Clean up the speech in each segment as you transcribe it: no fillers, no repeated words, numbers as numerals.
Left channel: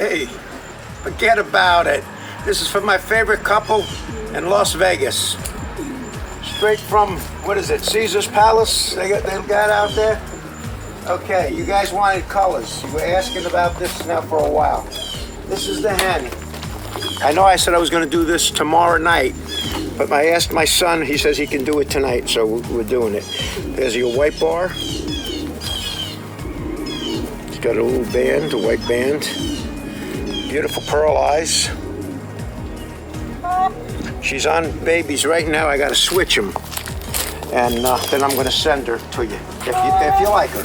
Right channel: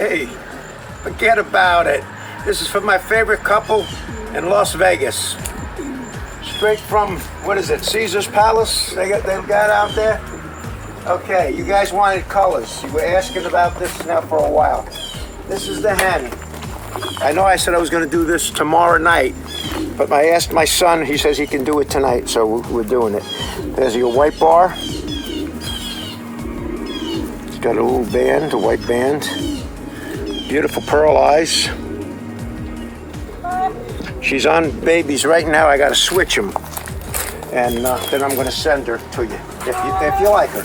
Hey, forget about it. This is for my favorite couple in Las Vegas. Straight from, what is it, Caesar's Palace they got out there? Okay, you guys wanted colors. You were asking about this now for a while. This is the hen. I know I said I was going to do this tomorrow night, but I asked my son, he says he can do it tonight, so we're doing it. There's your white bar. It's got a little band, a white band. Beautiful pearl eyes. She's on babies right now. I got to switch them, and then I'm going to send her to you if you like her.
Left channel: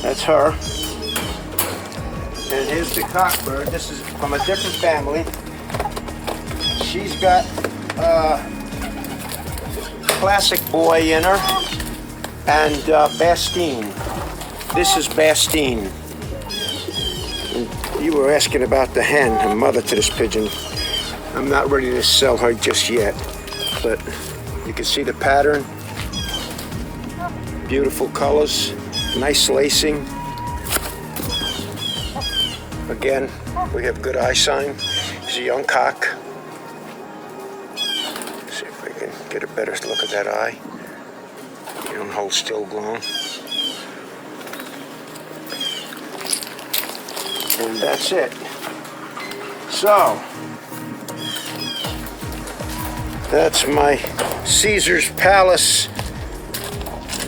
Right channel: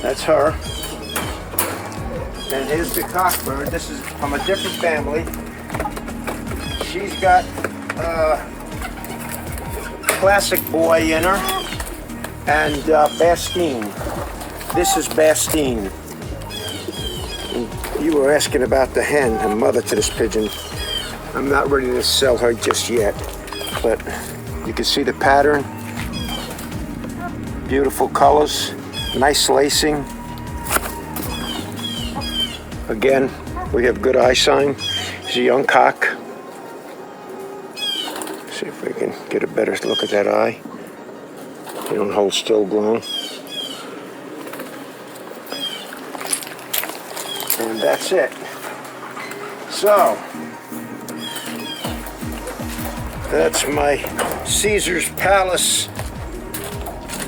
That's her. And here's the cockbird. This is from a different family. She's got classic boy in her and Bastine. This is Bastine. And you were asking about the hen, the mother to this pigeon. I'm not ready to sell her just yet, but you can see the pattern. Beautiful colors, nice lacing. Again, we have good eye sign. He's a young cock. See if we can get a better look at that eye. You don't hold still long. And that's it. So, that's my Caesar's Palace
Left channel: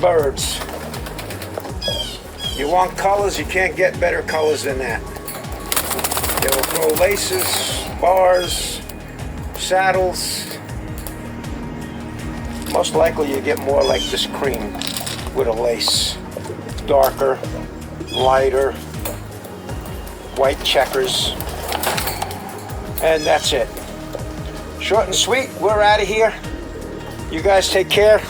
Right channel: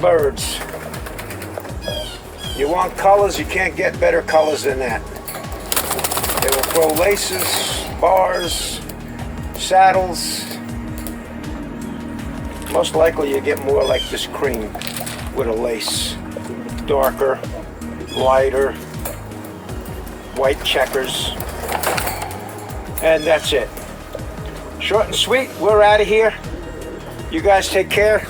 birds. You want colors, you can't get better colors than that. They will grow laces, bars, saddles. Most likely you get more like this cream with a lace. Darker, lighter, white checkers. And that's it. Short and sweet, we're out of here. You guys take care.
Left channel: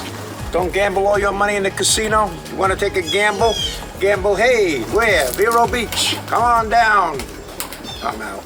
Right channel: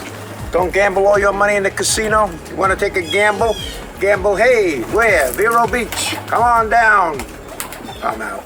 Don't gamble all your money in the casino. You want to take a gamble? Gamble, hey, where? Vero Beach. Come on down. I'm out.